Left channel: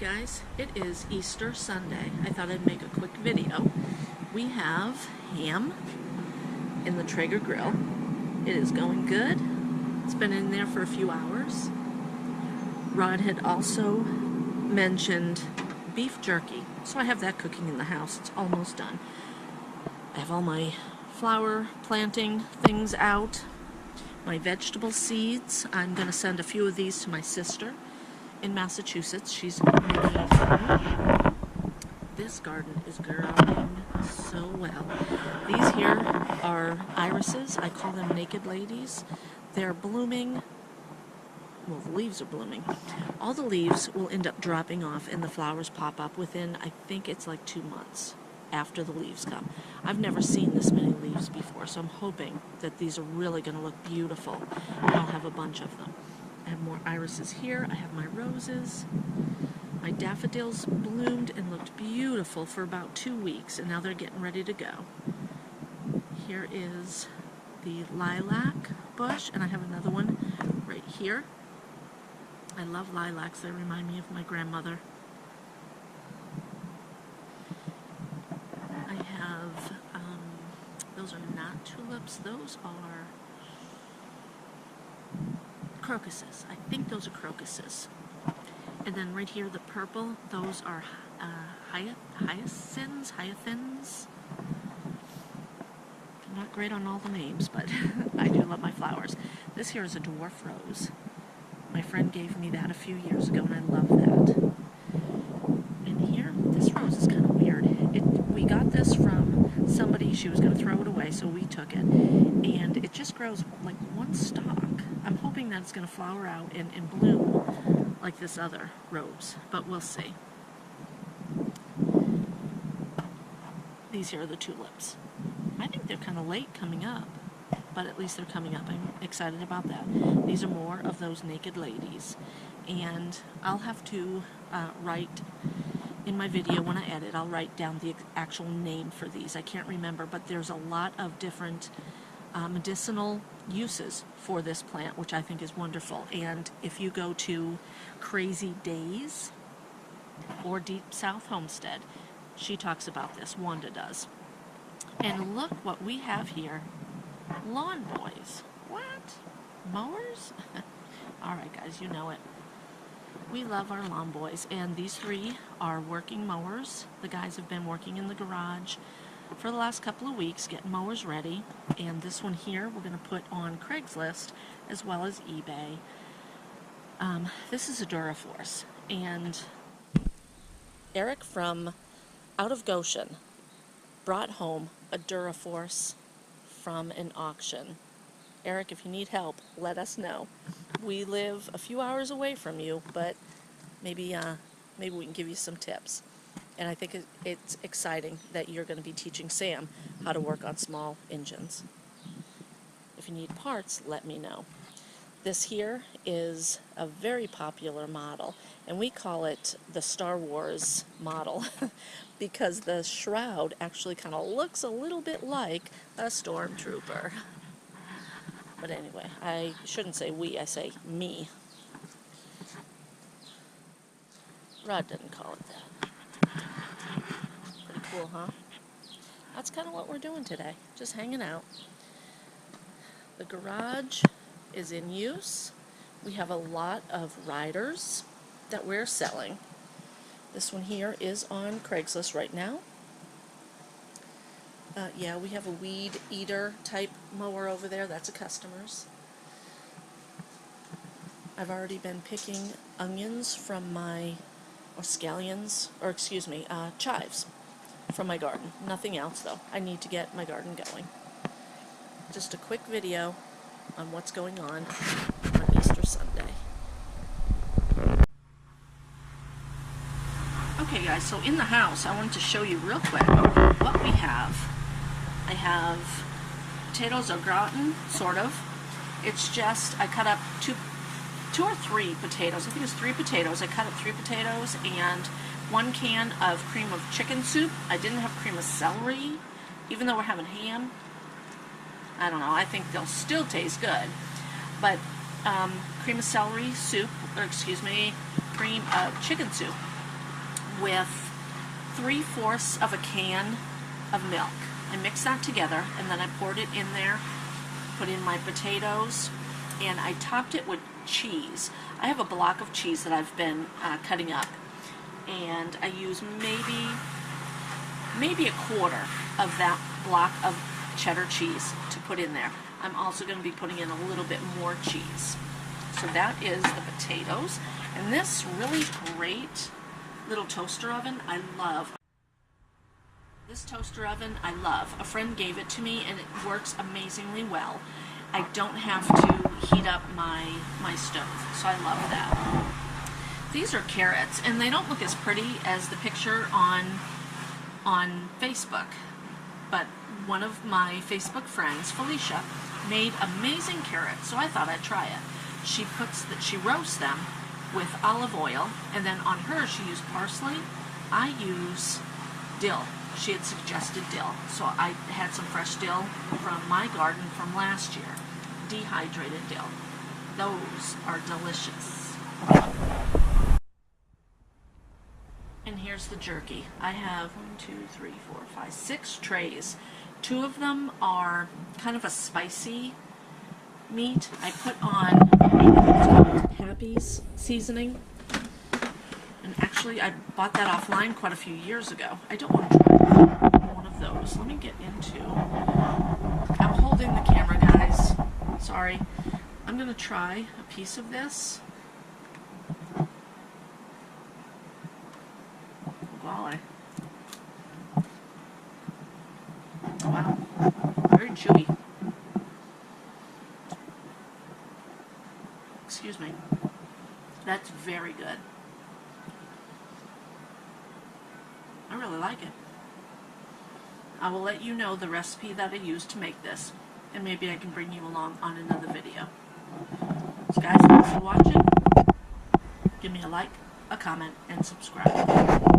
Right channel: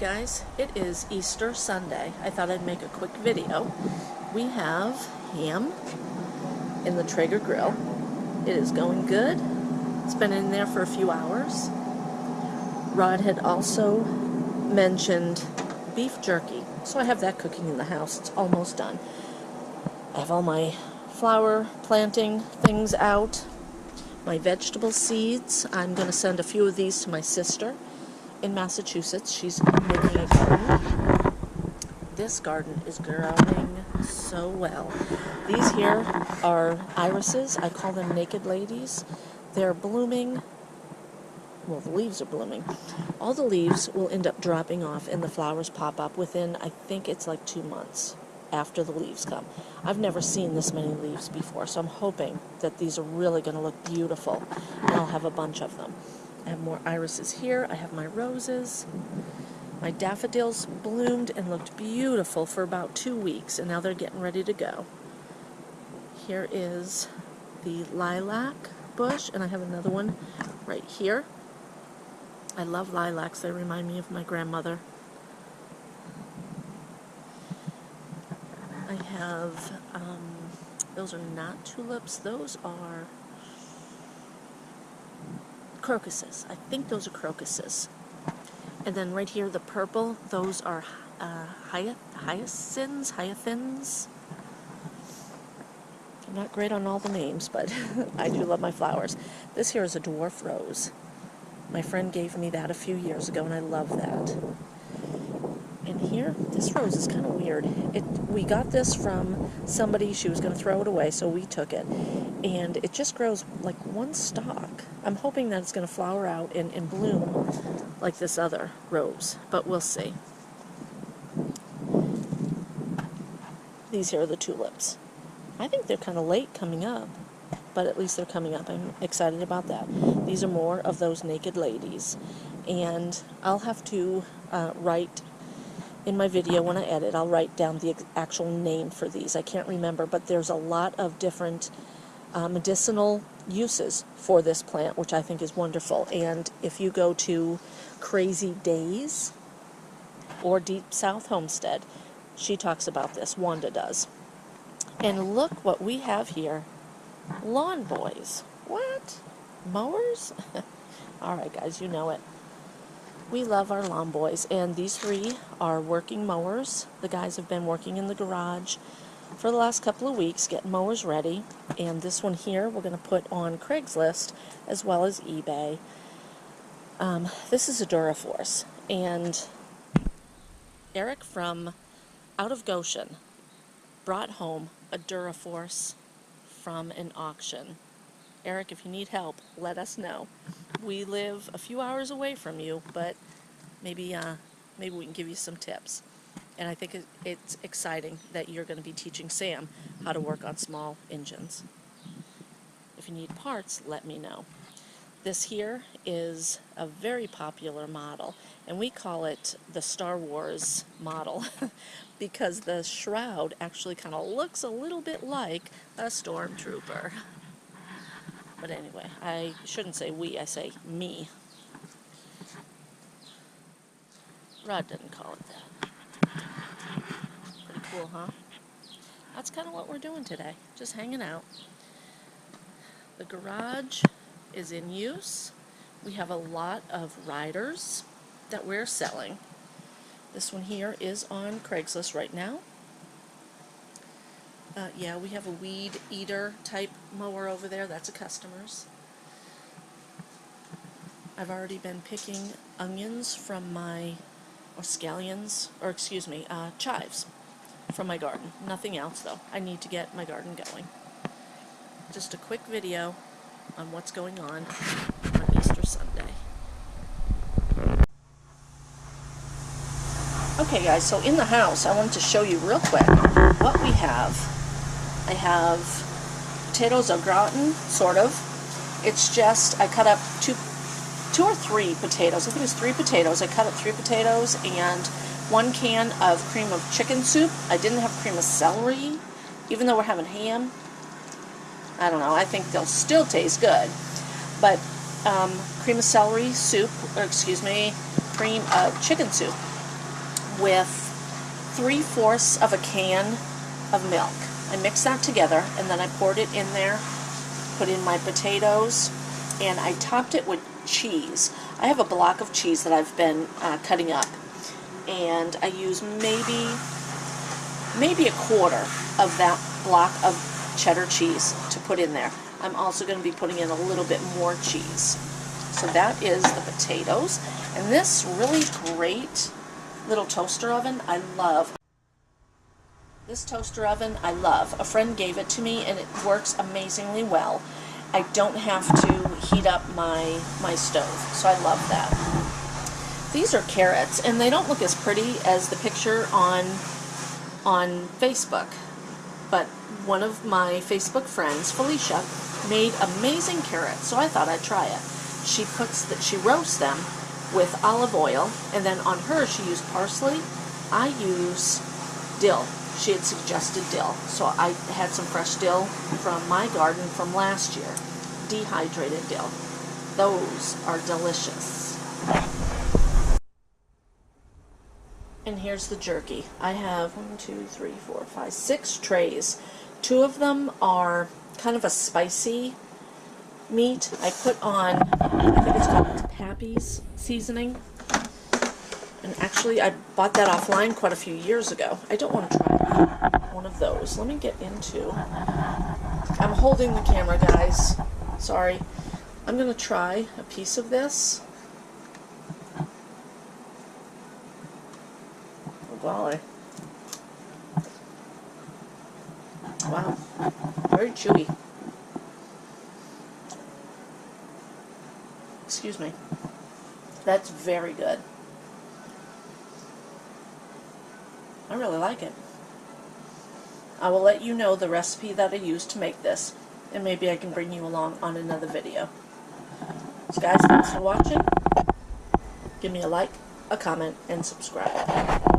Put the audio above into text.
guys, it is Easter Sunday. I thought I'd make a quick video. We have ham in the Traeger grill. It is going good. It's been in there for a few hours. Rod had also mentioned beef jerky, so I have that cooking in the house. It's almost done. I have all my flower planting things out, my vegetable seeds. I'm going to send a few of these to my sister in Massachusetts. She's making a garden. This garden is growing so well. These here are irises. I call them naked ladies. They're blooming. Well, the leaves are blooming. All the leaves will end up dropping off and the flowers pop up within, I think it's like 2 months after the leaves come. I've never seen this many leaves before, so I'm hoping that these are really going to look beautiful, and I'll have a bunch of them. I have more irises here. I have my roses. My daffodils bloomed and looked beautiful for about 2 weeks, and now they're getting ready to go. Here is the lilac bush, and I have another one right here. I love lilacs. They remind me of my grandmother. I have, those are not tulips. Those are crocuses. I think those are crocuses. And then right here, the purple, those are hyacinths. I'm not great on all the names, but I do love my flowers. This here is a dwarf rose. My friend gave me that a few years ago, and I love that. And here, this rose is kind of weird. We got this from somebody. She was going to throw it away, so we took it. And it just grows like one stalk. I'm hoping that it's going to flower out and bloom like this other rose, but we'll see. These here are the tulips. I think they're kind of late coming up, but at least they're coming up. I'm excited about that. These are more of those naked ladies. And I'll have to write in my video when I edit, I'll write down the actual name for these. I can't remember, but there's a lot of different medicinal uses for this plant, which I think is wonderful. And if you go to Crazy Days or Deep South Homestead, she talks about this. Wanda does. And look what we have here. Lawn boys. What? Mowers? All right, guys, you know it. We love our lawn boys, and these three are working mowers. The guys have been working in the garage for the last couple of weeks, getting mowers ready. And this one here we're going to put on Craigslist as well as eBay. This is a Duraforce, and Eric from out of Goshen brought home a Duraforce from an auction. Eric, if you need help, let us know. We live a few hours away from you, but maybe we can give you some tips. And I think it's exciting that you're going to be teaching Sam how to work on small engines. If you need parts, let me know. This here is a very popular model, and we call it the Star Wars model because the shroud actually kind of looks a little bit like a stormtrooper. But anyway, I shouldn't say we, I say me. Rod didn't call it that. Pretty cool, huh? That's kind of what we're doing today, just hanging out. The garage is in use. We have a lot of riders that we're selling. This one here is on Craigslist right now. Yeah, we have a weed eater type mower over there. That's a customer's. I've already been picking onions from my, or scallions, or excuse me, chives from my garden. Nothing else though. I need to get my garden going. Just a quick video on what's going on Easter Sunday. Okay guys, so in the house I wanted to show you real quick what we have. I have potatoes au gratin, sort of. It's just, I cut up two or three potatoes. I think it's 3 potatoes. I cut up 3 potatoes and 1 can of cream of chicken soup. I didn't have cream of celery, even though we're having ham. I don't know, I think they'll still taste good. But cream of celery soup, or excuse me, cream of chicken soup. with 3/4 of a can of milk. I mixed that together, and then I poured it in there, put in my potatoes, and I topped it with cheese. I have a block of cheese that I've been cutting up, and I use maybe a quarter of that block of cheddar cheese to put in there. I'm also going to be putting in a little bit more cheese. So that is the potatoes, and this really great little toaster oven I love. This toaster oven I love. A friend gave it to me and it works amazingly well. I don't have to heat up my stove, so I love that. These are carrots, and they don't look as pretty as the picture on Facebook, but one of my Facebook friends, Felicia, made amazing carrots, so I thought I'd try it. She roasts them with olive oil, and then on hers she used parsley. I use dill. She had suggested dill, so I had some fresh dill from my garden from last year, dehydrated dill. Those are delicious. And here's the jerky. I have 6 trays. 2 of them are kind of a spicy meat. I put on, I think it's called Pappy's seasoning. And actually, I bought that offline quite a few years ago. I don't want to try one of those. Let me get into... I'm holding the camera, guys. Sorry. I'm going to try a piece of this. Oh, golly. Wow. Very chewy. Excuse me. That's very good. I really like it. I will let you know the recipe that I used to make this, and maybe I can bring you along on another video. So guys, thanks for watching. Give me a like, a comment, and subscribe.